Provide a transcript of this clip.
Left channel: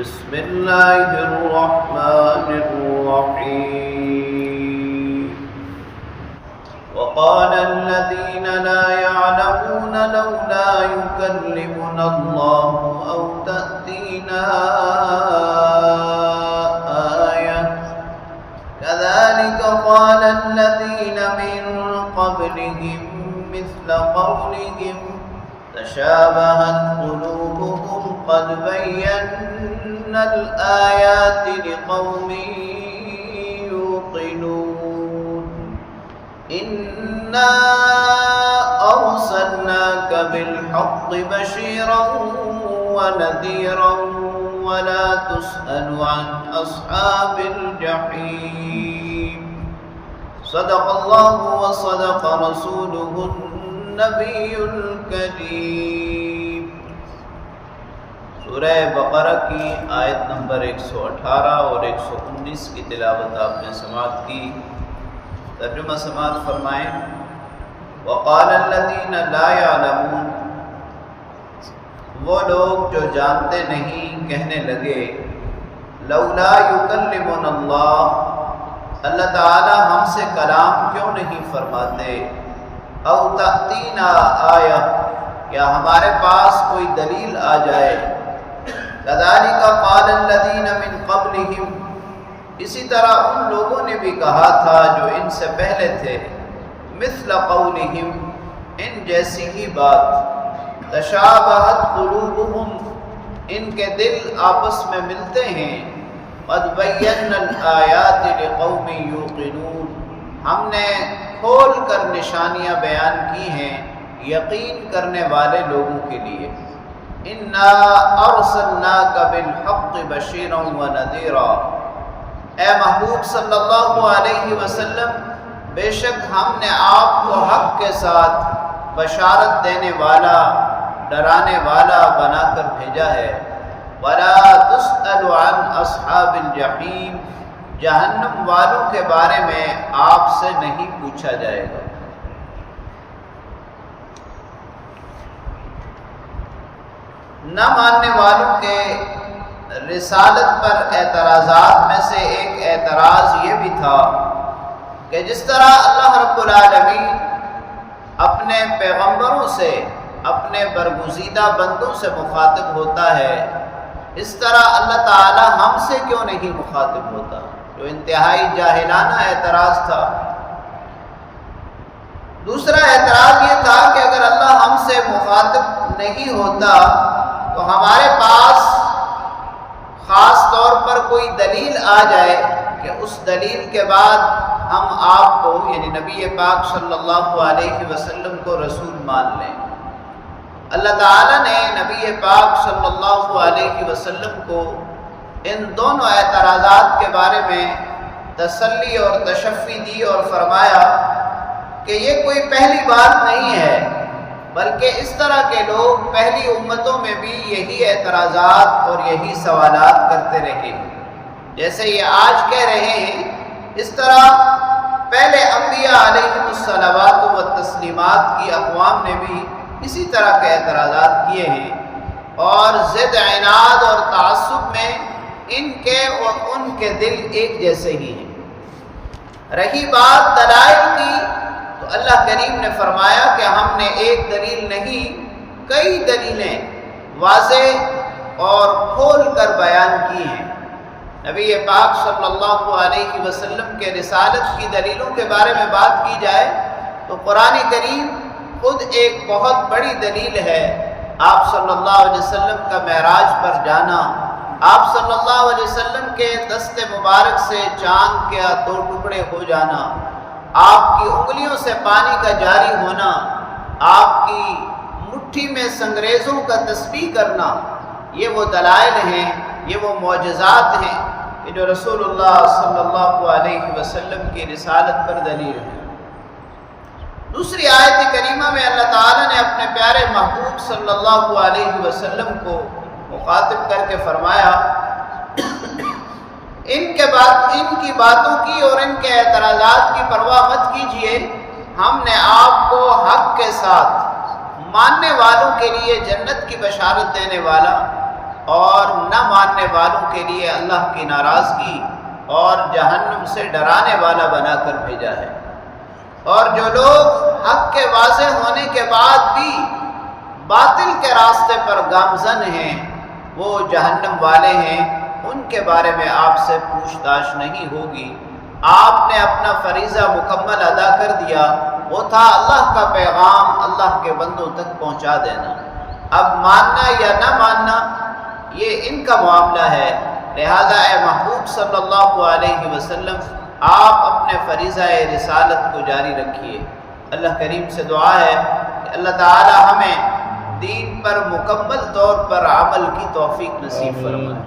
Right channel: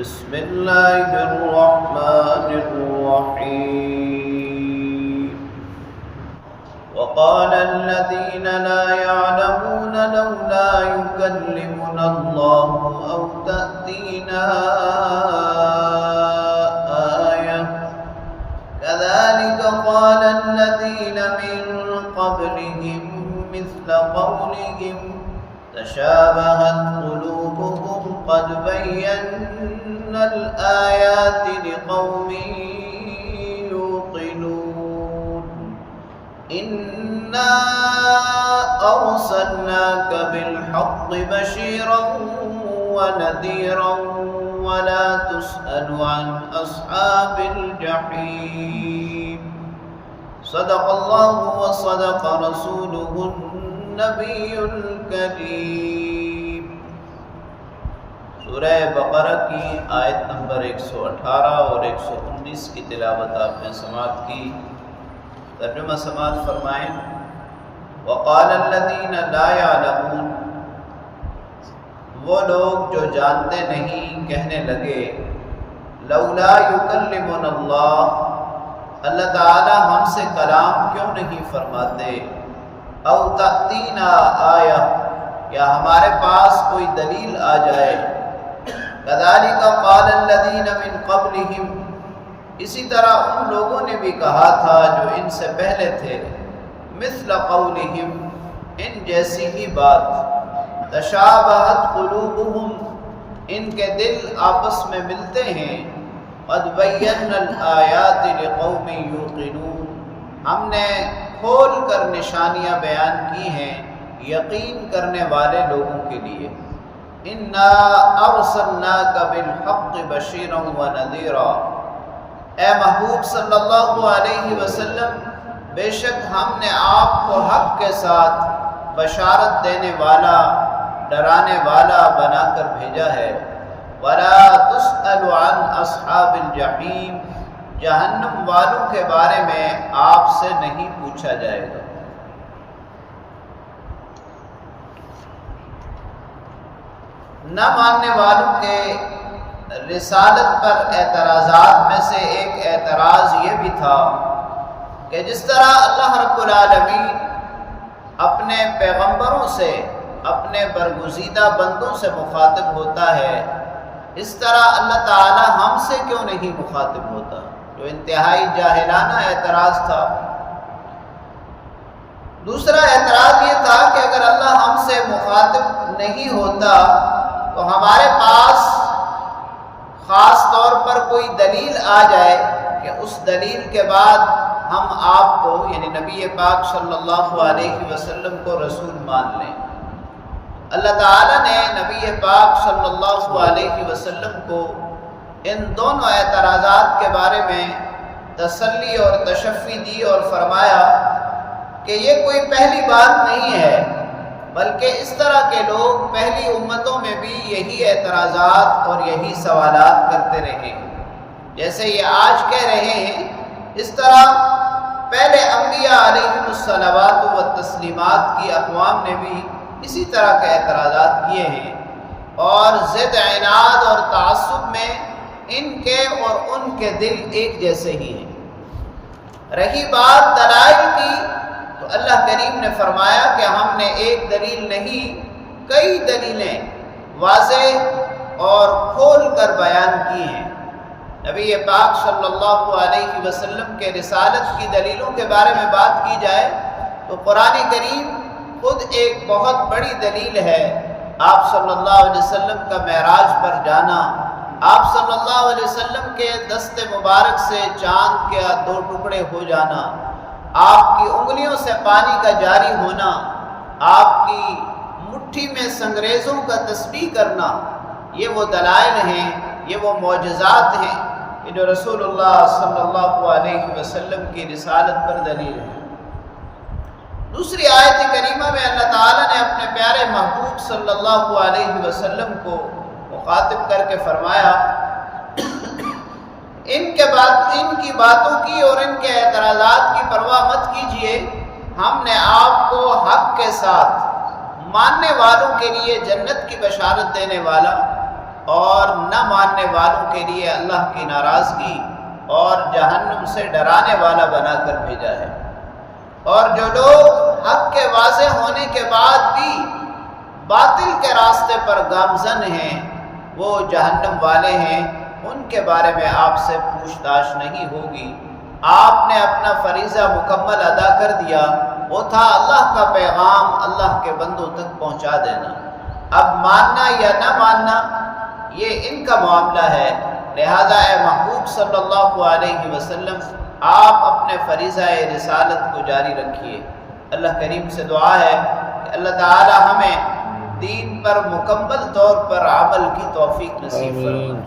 بسم الله الرحمن الرحيم. وقال الذين لا يعلمون لولا يكلمنا الله أو تأتينا آية كذلك قال الذين من قبلهم مثل قولهم تشابهت قلوبهم قد بينا الآيات لقوم يوقنون. إنا أرسلناك بالحق بشيرا ونذيرا ولا تسأل عن أصحاب الجحيم. صدق الله وصدق رسوله النبی الکریم. سورہ بقرہ کی آیت نمبر 118 اور 119 کی تلاوت آپ نے سماعت کی. ترجمہ سماعت فرمائیں. وقال الذین لا يعلمون، وہ لوگ جو جانتے نہیں کہنے لگے لولا یکلمنا اللہ، اللہ تعالی ہم سے کلام کیوں نہیں فرماتے، او تأتینا آیہ، یا ہمارے پاس کوئی دلیل آ جائے. کذالک قال الذین من قبلہم، اسی طرح ان لوگوں نے بھی کہا تھا جو ان سے پہلے تھے. مثل قولہم، ان جیسی ہی بات. تشابہت قلوبہم، ان کے دل آپس میں ملتے ہیں. قد بینا الآیات لقوم یوقنون، ہم نے کھول کر نشانیاں بیان کی ہیں یقین کرنے والے لوگوں کے لیے. انا ارسلناک بالحق بشیرا ونذیرا، اے محبوب صلی اللہ علیہ وسلم، بے شک ہم نے آپ کو حق کے ساتھ بشارت دینے والا، ڈرانے والا بنا کر بھیجا ہے. ولا تسأل عن اصحاب الجحیم، جہنم والوں کے بارے میں آپ سے نہیں پوچھا جائے گا. نہ ماننے والوں کے رسالت پر اعتراضات میں سے ایک اعتراض یہ بھی تھا کہ جس طرح اللہ رب العالمین اپنے پیغمبروں سے، اپنے برگزیدہ بندوں سے مخاطب ہوتا ہے، اس طرح اللہ تعالی ہم سے کیوں نہیں مخاطب ہوتا، جو انتہائی جاہلانہ اعتراض تھا. دوسرا اعتراض یہ تھا کہ اگر اللہ ہم سے مخاطب نہیں ہوتا تو ہمارے پاس خاص طور پر کوئی دلیل آ جائے کہ اس دلیل کے بعد ہم آپ کو، یعنی نبی پاک صلی اللہ علیہ وسلم کو رسول مان لیں. اللہ تعالیٰ نے نبی پاک صلی اللہ علیہ وسلم کو ان دونوں اعتراضات کے بارے میں تسلی اور تشفی دی اور فرمایا کہ یہ کوئی پہلی بات نہیں ہے، بلکہ اس طرح کے لوگ پہلی امتوں میں بھی یہی اعتراضات اور یہی سوالات کرتے رہے. جیسے یہ آج کہہ رہے ہیں، اس طرح پہلے انبیاء علیہم الصلوات والتسلیمات کی اقوام نے بھی اسی طرح کے اعتراضات کیے ہیں، اور ضد، عناد اور تعصب میں ان کے اور ان کے دل ایک جیسے ہی ہیں. رہی بات دلائل کی تو اللہ کریم نے فرمایا کہ ہم نے ایک دلیل نہیں، کئی دلیلیں واضح اور کھول کر بیان کی ہیں. نبی پاک صلی اللہ علیہ وسلم کے رسالت کی دلیلوں کے بارے میں بات کی جائے تو قرآن کریم خود ایک بہت بڑی دلیل ہے. آپ صلی اللہ علیہ وسلم کا معراج پر جانا، آپ صلی اللہ علیہ وسلم کے دست مبارک سے چاند کے 2 ٹکڑے ہو جانا، آپ کی انگلیوں سے پانی کا جاری ہونا، آپ کی مٹھی میں سنگریزوں کا تسبیح کرنا، یہ وہ دلائل ہیں، یہ وہ معجزات ہیں کہ جو رسول اللہ صلی اللہ علیہ وسلم کی رسالت پر دلیل ہیں. دوسری آیت کریمہ میں اللہ تعالیٰ نے اپنے پیارے محبوب صلی اللہ علیہ وسلم کو مخاطب کر کے فرمایا ان کی باتوں کی اور ان کے اعتراضات کی پرواہ مت کیجیے، ہم نے آپ کو حق کے ساتھ ماننے والوں کے لیے جنت کی بشارت دینے والا اور نہ ماننے والوں کے لیے اللہ کی ناراضگی اور جہنم سے ڈرانے والا بنا کر بھیجا ہے۔ اور جو لوگ حق کے واضح ہونے کے بعد بھی باطل کے راستے پر گامزن ہیں وہ جہنم والے ہیں، ان کے بارے میں آپ سے پوچھ تاچھ نہیں ہوگی۔ آپ نے اپنا فریضہ مکمل ادا کر دیا، وہ تھا اللہ کا پیغام اللہ کے بندوں تک پہنچا دینا۔ اب ماننا یا نہ ماننا یہ ان کا معاملہ ہے، لہذا اے محبوب صلی اللہ علیہ وسلم آپ اپنے فریضہ رسالت کو جاری رکھیے۔ اللہ کریم سے دعا ہے کہ اللہ تعالی ہمیں دین پر مکمل طور پر عمل کی توفیق نصیب فرمائے۔